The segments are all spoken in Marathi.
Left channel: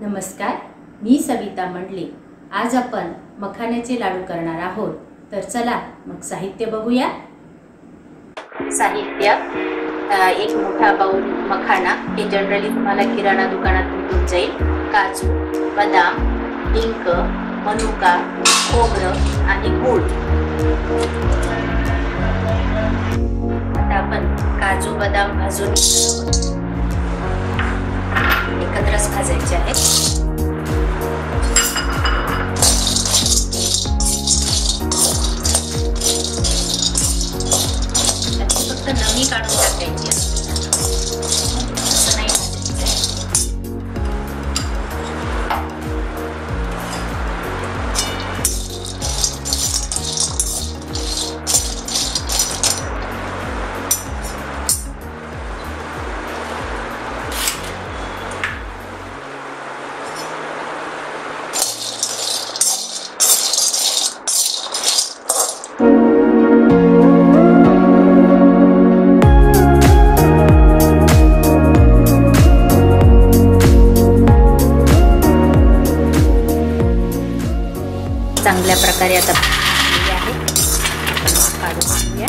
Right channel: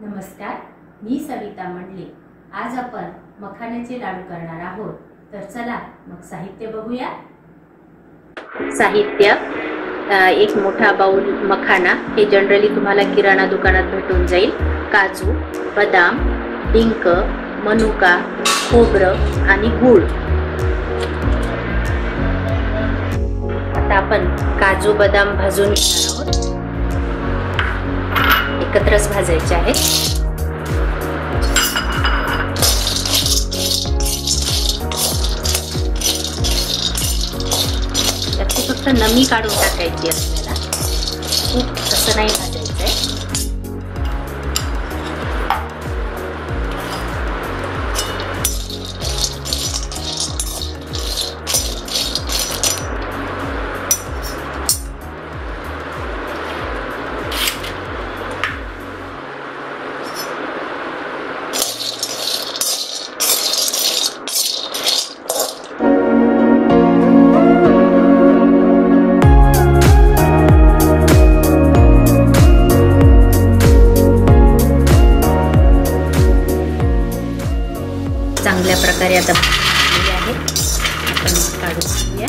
नमस्कार, मी सविता मंडले। आज आपण मखाण्याचे लाडू करणार आहोत। तर चला मग साहित्य बघूया। साहित्य एक मोठा बाउल मखाना, हे जनरली तुम्हाला किराणा दुकानात भेटून जाईल। काजू, बदाम, डिंक, मनुका, खोबरं आणि गूळ। आता आपण काजू बदाम भाजून एकत्रच भाजायचे आहेत। फक्त नमी काढून टाकायची आपल्याला, खूप असं नाही भाजायचं आहे। चांगल्या प्रकारे आता भाजलेले आहेत। आपण काढून घेऊया।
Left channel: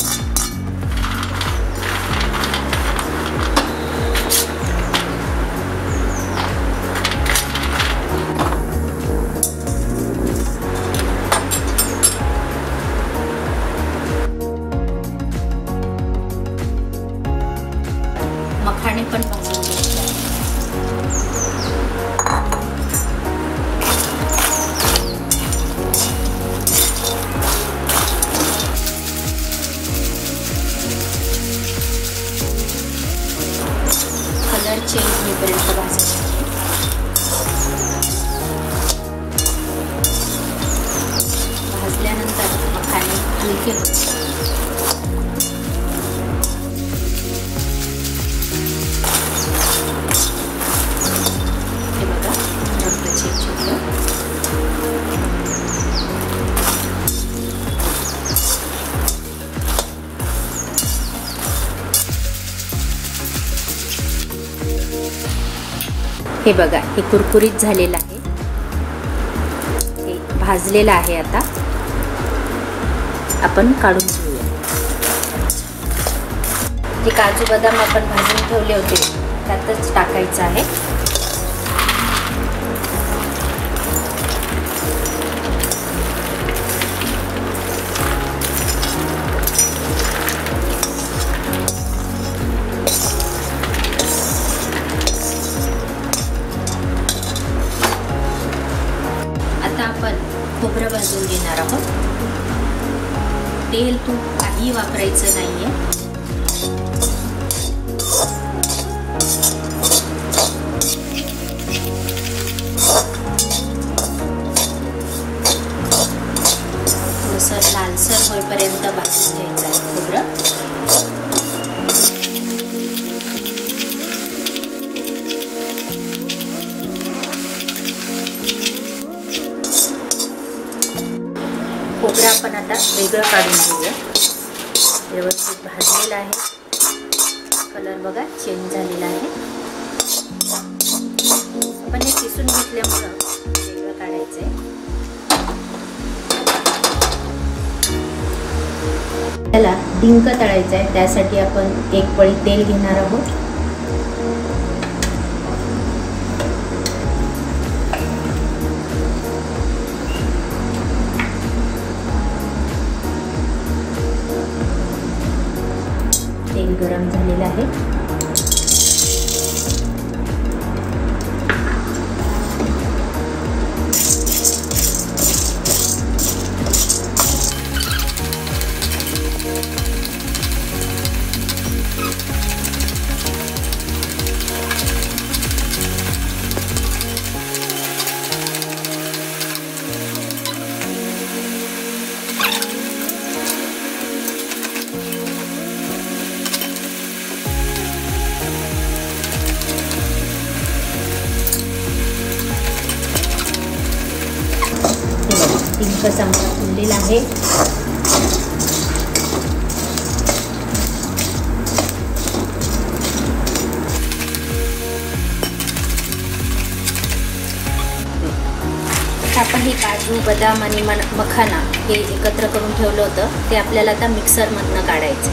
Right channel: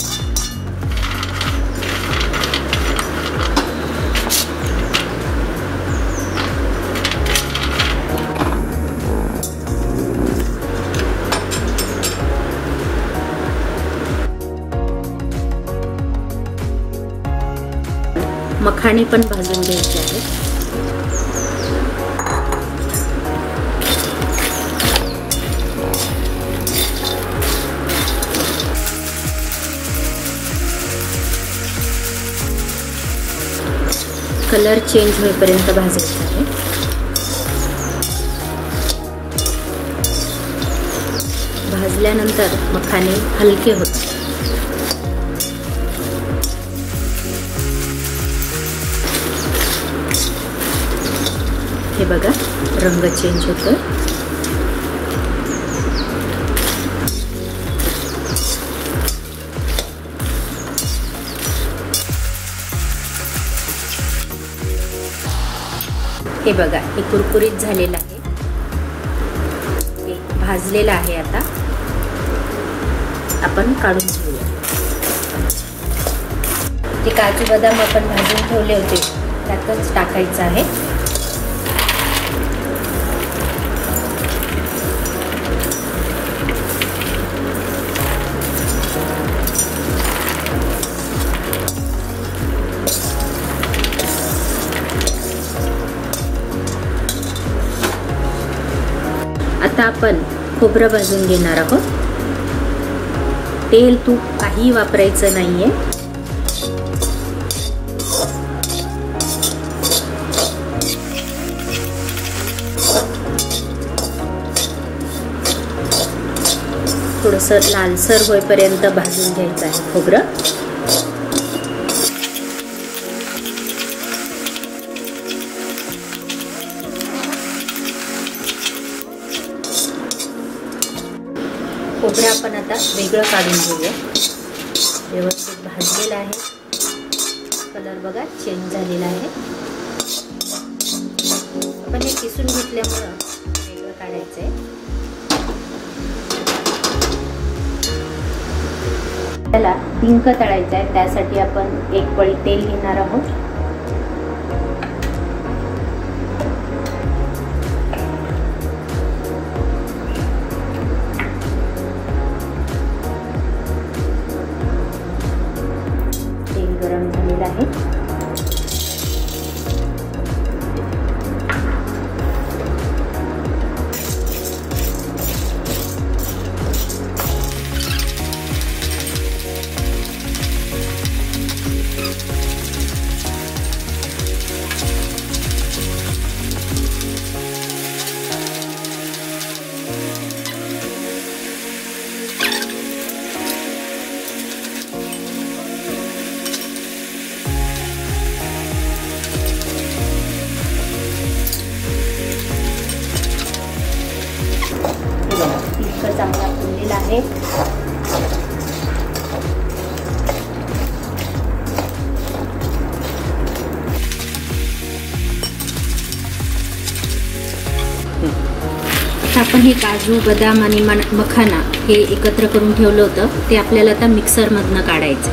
मखाणे पण भाजून घ्यायचे आहेत। कलर चेंज होईपर्यंत भाजायचा आहे। भाजल्यानंतर मखाणे हलके होतात। हे बघा, रंग चेंज होतो। हे बघा, हे कुरकुरीत झालेलं आहे, हे भाजलेलं आहे। आता आपण काढून घेऊया। जे काजू बदाम आपण भाजून ठेवले होते त्यातच टाकायचं आहे। आता आपण खोबरं भाजून घेणार आहोत। तेल तूप काही वापरायचं नाहीये। थोडंसं लालसर होईपर्यंत भाजून घ्यायचं आहे खोबरं। खोबरं आपण आता वेगळं काढून घेऊया। व्यवस्थित भाजलेलं आहे, कलर बघा चेंज झालेला आहे। आपण हे किसून घेतल्यामुळे वेगळं काढायचंय। त्याला डिंक तळायचा आहे, त्यासाठी आपण एक पळी तेल घेणार आहोत। तेल गरम झालेलं आहे। चांगला फुललेला आहे। आता आपण हे काजू, बदाम आणि मखाना हे एकत्र करून ठेवलं होतं ते आपल्याला आता मिक्सरमधनं काढायचं.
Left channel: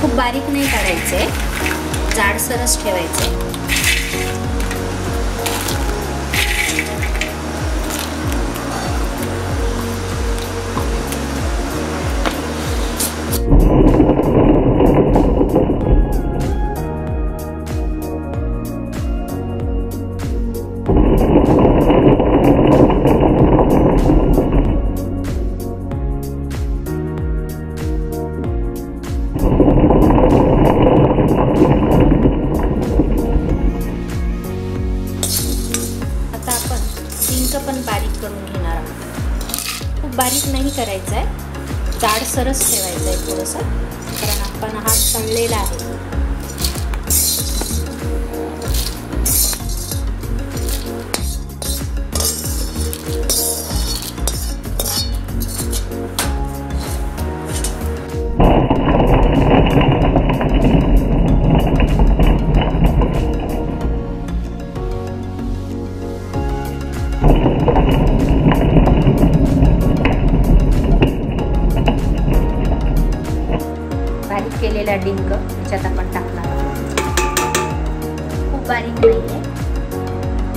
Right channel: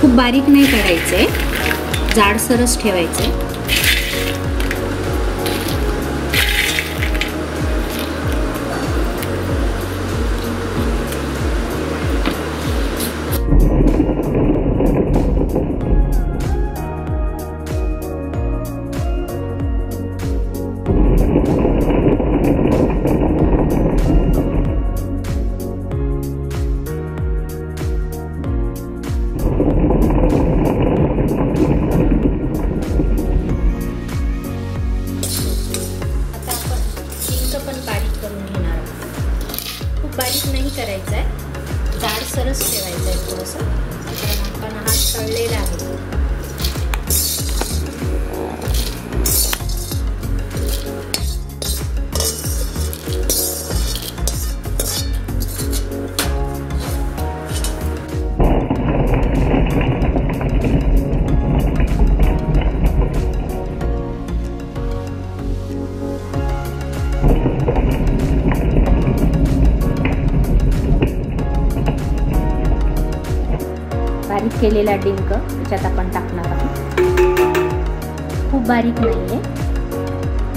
खूप बारीक नाही काढायचंय, जाडसरच ठेवायचंय. पण बारीक करून घेणार आहोत. खूप बारीक नाही करायचं आहे, जाडसरच ठेवायचं आहे थोडंसं. आपण हा तळलेला आहे. केलेला डिंक याच्यात आपण टाकणार आहोत. खूप बारीक नाहीये,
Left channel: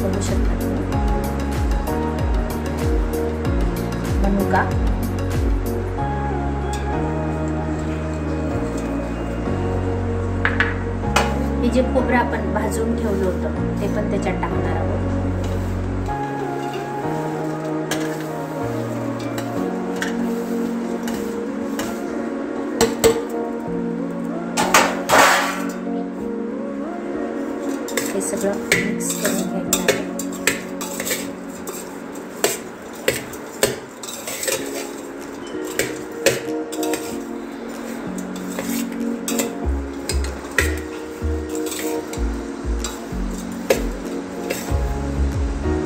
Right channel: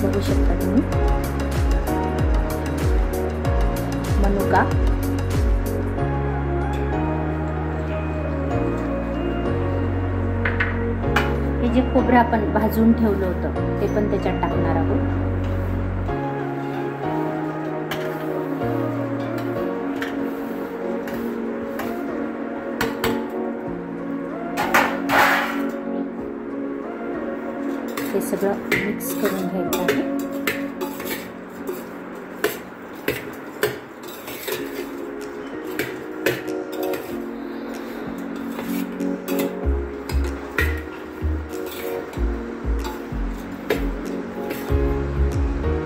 बघू शकता तुम्ही. मनुका, हे जे खोबरं आपण भाजून ठेवलं होतं ते पण त्याच्यात टाकणार आहोत. हे सगळं मिक्स करून घ्यायचं आहे.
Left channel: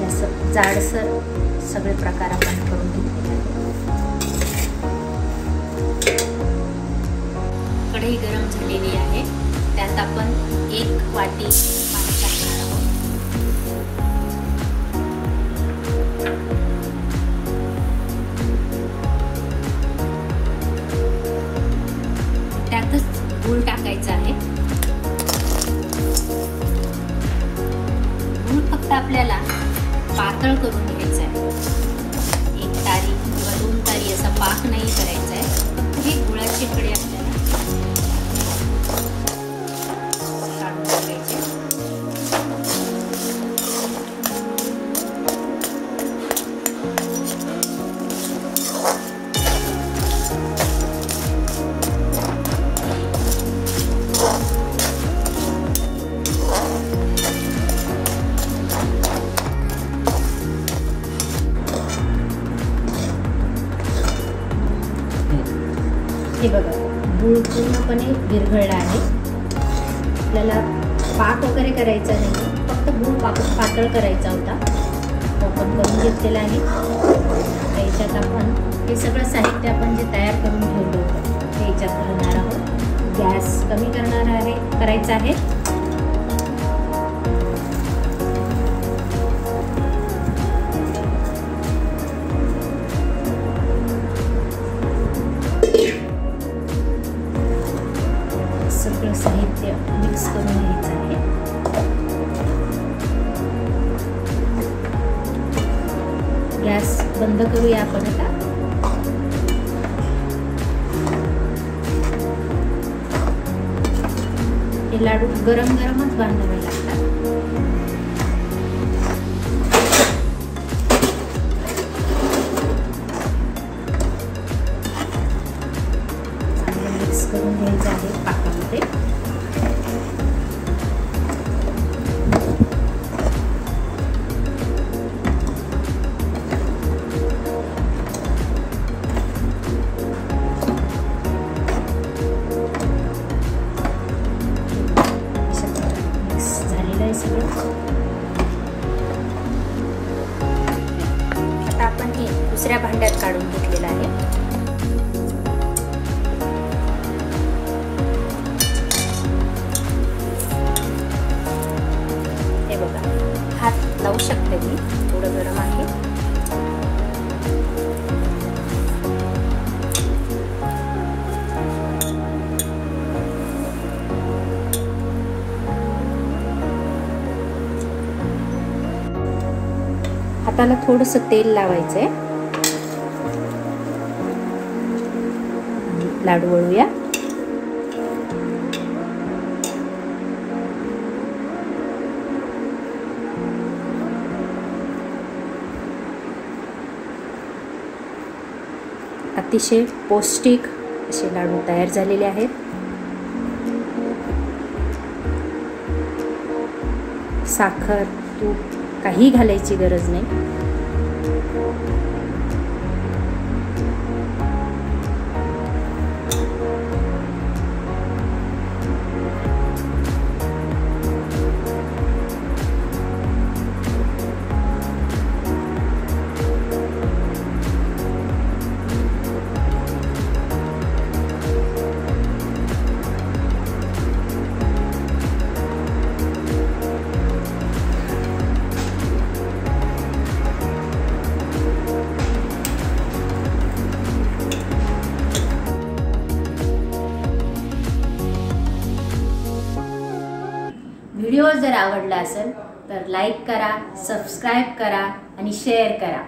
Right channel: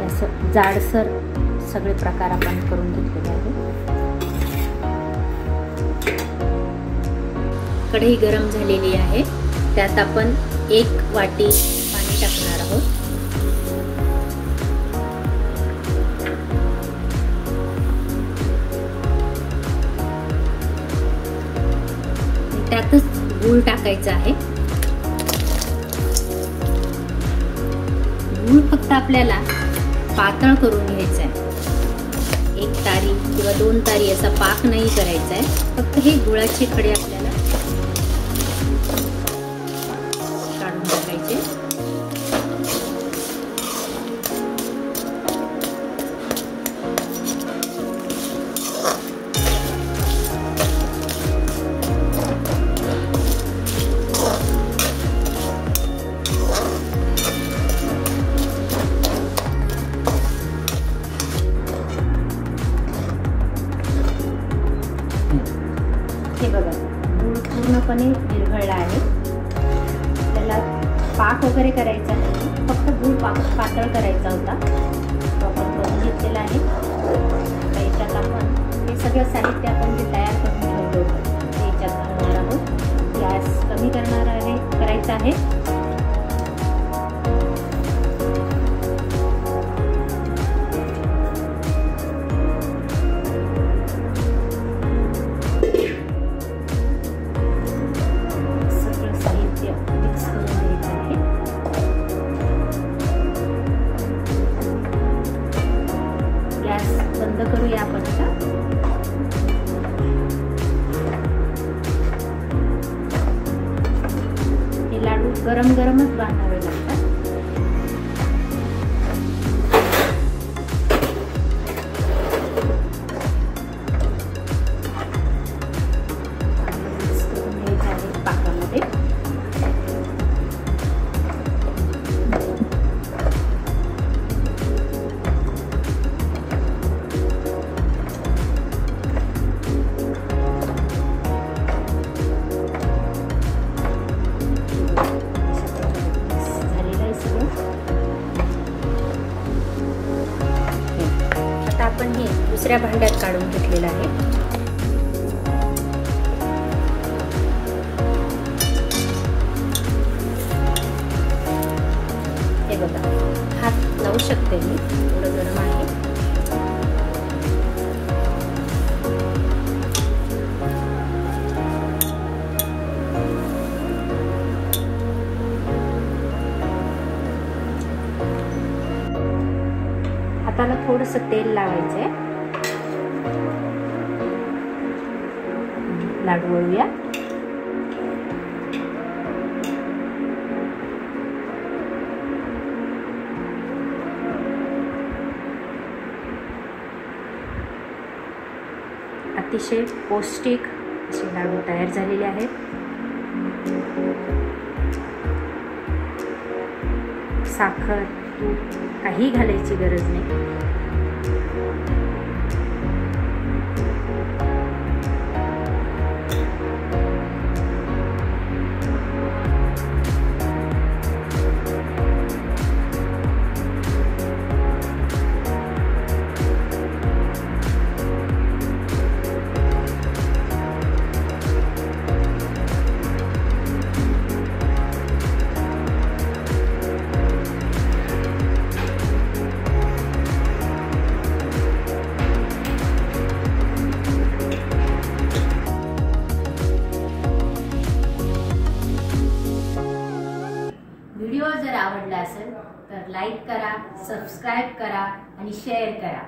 असं जाडसर सगळे प्रकार आपण करून घेतलेले आहे. कढई गरम झालेली आहे, त्यात आपण 1 वाटी टाकणार आहोत. त्यातच गूळ टाकायचा आहे. गूळ फक्त आपल्याला पातळ करून घ्यायचा आहे. 1 तारी किंवा 2 तारी असा पाक नाही करायचा आहे. फक्त हे गुळाचे खडे आपल्याला काढून टाकायचे. बघा, गूळ पूर्णपणे विरघळला आहे. आपल्याला पाक वगैरे करायचा नाही, फक्त गूळ पातळ करायचा होता, तो आपण करून घेतलेला आहे. याच्यात आपण हे सगळं साहित्य आपण जे तयार करून ठेवलं होतं ते याच्यात घालणार आहोत. गॅस कमी करायचा आहे. साहित्य मिक्स करून घ्यायचं आहे. गॅस बंद करूया आपण आता. हे लाडू गरम गरमच बांधावे लागतात. मिक्स करून घ्यायचं आहे पाकामध्ये. झालेलं आहे थोडंसं तेल लावायचंय. लाडू वळूया. अतिशय पौष्टिक असे लाडू तयार झालेले आहेत. साखर, तूप काही घालायची गरज नाही. व्हिडिओ जर आवडला असेल तर लाईक करा, सबस्क्राईब करा आणि शेअर करा.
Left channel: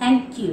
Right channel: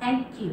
थँक्यू.